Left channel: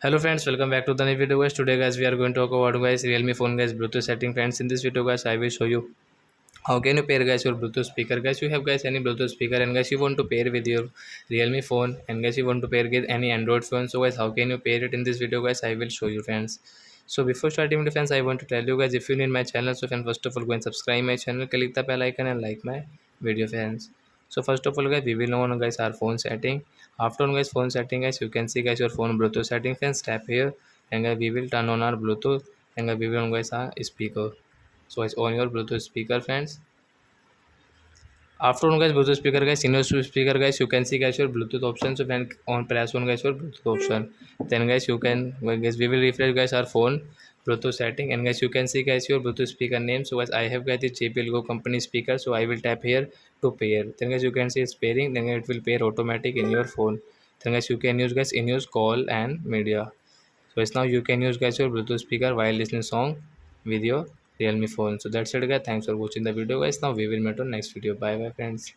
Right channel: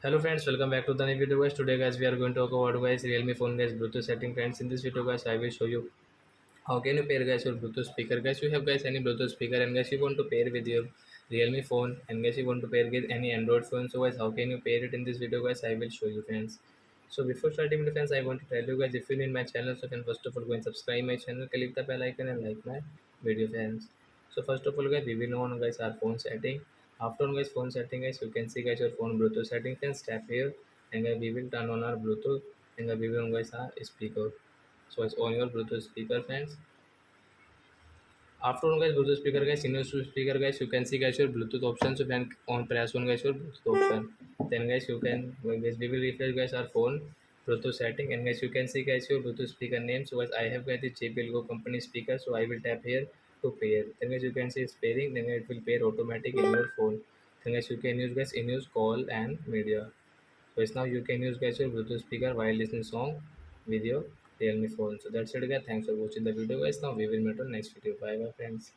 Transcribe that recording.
Hello friends, welcome back to the new video guys. Today guys we are going to talk about guys Realme phone guys Bluetooth setting friends. In this video guys I will show you how can you pair guys your Bluetooth speaker guys. You have guys any Bluetooth speaker and guys you want to pair with your Realme phone and guys you want to pair with any Android phone. So guys how can you pair it? In this video guys I will show you friends. So before starting with friends I want to tell you guys, if you need my channel, so friends first of all go and subscribe my channel, click the bell icon and like my video friends. So first of all guys we will know on guys our phone setting. After on guys phone setting guys, you can see guys your phone Bluetooth setting friends. Tap here and guys we will turn on our Bluetooth and guys we will on guys our speaker. So it's on your Bluetooth speaker friends. After on guys Bluetooth speaker guys, in your speaker guys, you can see guys your Bluetooth option. So when on press on guys your Bluetooth option, then guys you can, well, guys we will refresh guys our phone Bluetooth setting and guys you can see guys your Bluetooth speaker name. So guys I have guys the JBL Go company speaker, so I will tap here to pair. Then guys you can see it's pairing, then it will pair automatic in your phone. Then guys you can use guys in use call and media. So it's now you can use guys your Bluetooth speaker while listening song with your Realme phone. So that's it guys. Thanks for watching the video guys. Now we will meet on next video. Bye bye friends.